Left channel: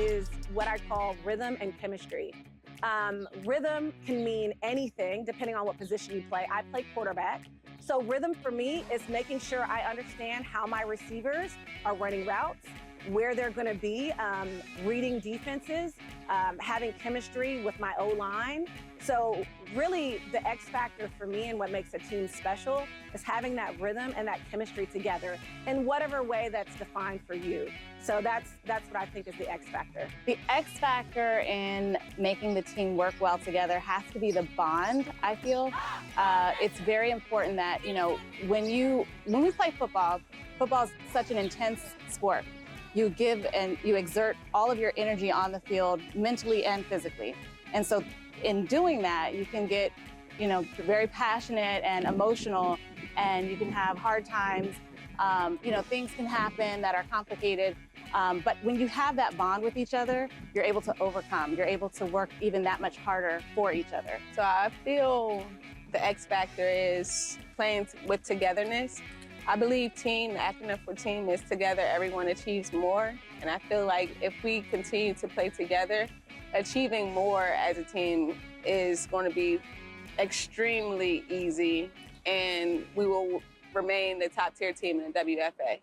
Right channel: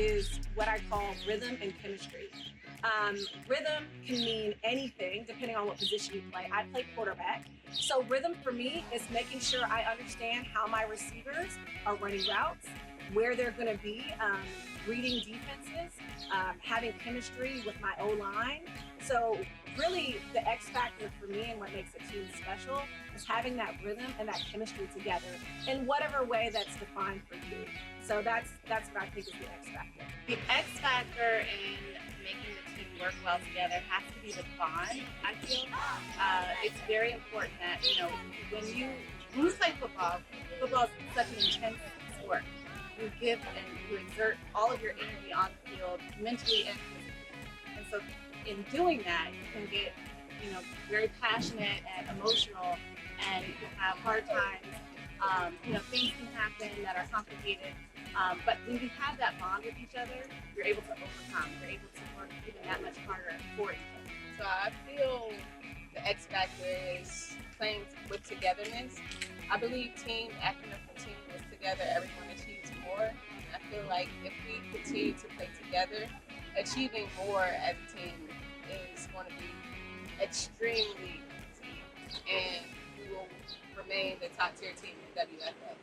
is what I call rhythm and chemistry. Rhythm can mean anything depending on what position you play. I play quarterback. So, rhythm for me is making sure I understand how my receivers are running routes, where they're going to be, reading defenses, having chemistry with my O line. So, really, the X factor for me and what makes a team special is having that rhythm and that chemistry together in whatever way that's defined for you. So that's what I think is the X factor. The X factor in making the team work well together has to be the bond, I feel. It's very important that, when we play football, football is such an intense sport. You give and you exert all of your energy on the field, mentally and physically. And so in doing that, you can get, very passionate and emotional, and you can have hard times. Things can happen that are complicated. But when you have that bond with each other, you're able to overcome. You're able to work even that much harder for each other. So I feel the X factor is playing with togetherness. I believe team, the acronym for team is together, everyone achieves more. And I feel like if we continue to play together, achieving more as a team is going to be extremely easy, and we will remain the top tier team in the WFA.